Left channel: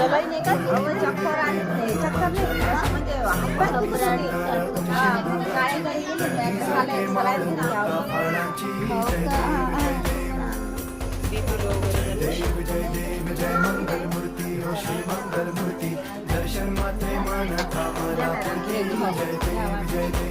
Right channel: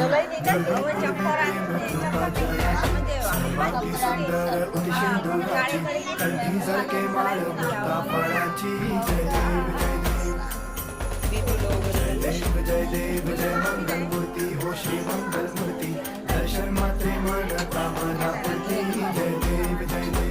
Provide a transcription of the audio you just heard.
ललाई नाही का बीपी लो वगैरे जय देव जय मंगल मूर्ती हो श्री मंगल मूर्ती दर्शन मात्रे मन कामना जय देव जय देव